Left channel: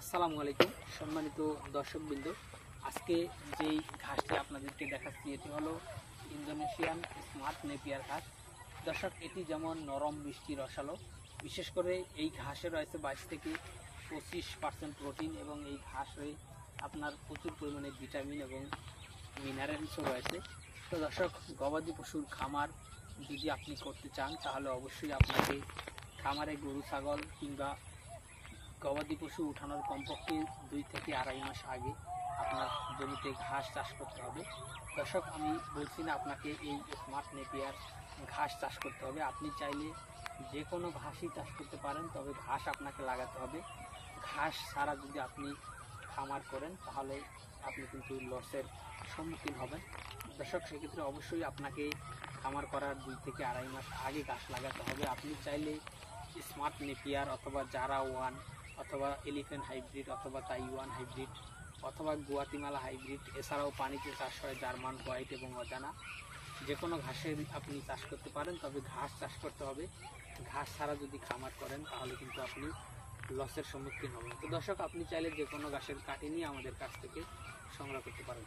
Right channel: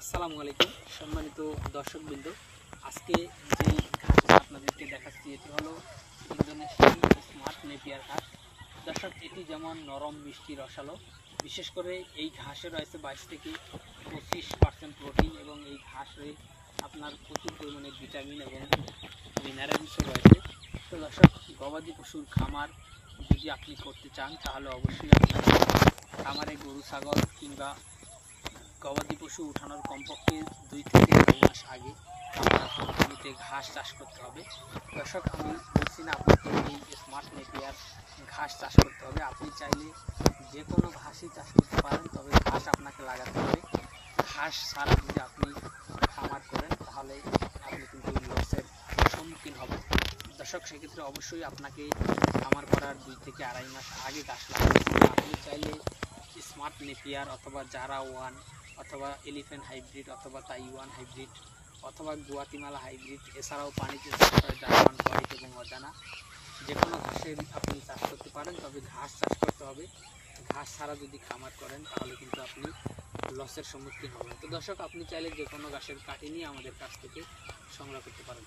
আসসালামু আলাইকুম সম্মানিত দর্শকবৃন্দ। আজকে যেই ঘাসটা আপনাদেরকে দেখাচ্ছি এটি হলো ইন্দোনেশিয়ান স্মার্ট নেপিয়ার ঘাস। দর্শক, এটি যেমন নরম, মিষ্টি, রসালো। বিশেষ করে এই ঘাসে রয়েছে 22 থেকে 25% প্রোটিন এবং এই ঘাসে আপনার প্রচুর পরিমাণে ভিটামিন এবং মিনারেলসও রয়েছে। তো দর্শক, গবাদি পশুর খামার যদি আপনি করতে চান তাহলে অবশ্যই আপনাকে খামারে গরু, ছাগল কিংবা গবাদি পশু উঠানোর কমপক্ষে 2 থেকে 2.5 মাস আগে আপনার জমিতে ঘাস চাষ করতে হবে। দর্শক, আমি বলছি না আপনাকে এই স্মার্ট নেপিয়ার ঘাস চাষ করতে হবে। আপনি চাইলে যে কোনো ঘাসই চাষ করতে পারেন, তবে ঘাস আপনাকে লাগাতে হবে। ঘাস ছাড়া যদি আপনি খামার করেন তাহলে আপনি কিন্তু লসের সম্মুখীন হবেন। দর্শক, সেক্ষেত্রে অবশ্যই আপনাকে খামার করার 2 থেকে 2.5 মাস আগে ঘাস লাগাতে হবে। আপনি চাইলে স্মার্ট নেপিয়ার অথবা জারা ওয়ান অথবা এলিফ্যান্ট হাইব্রিড অথবা তাইওয়ান হাইব্রিড অথবা গুয়াতিমালা হাইব্রিড, এছাড়াও পানিতে চাষ করে জার্মান হোয়াইট এবং অজানা, যে কোনো ঘাসের আপনি চাষ করতে পারেন। তবে ঘাস চাষ করতে হবে। ঘাস ছাড়া যদি খামার করেন তাহলে কিন্তু আপনি লসের সম্মুখীন হবেন। তো দর্শক, আপনি চাইলে যে কোনো ঘাসের কাটি নিয়ে আমাদের কাছ থেকে সংগ্রহ করতে পারেন।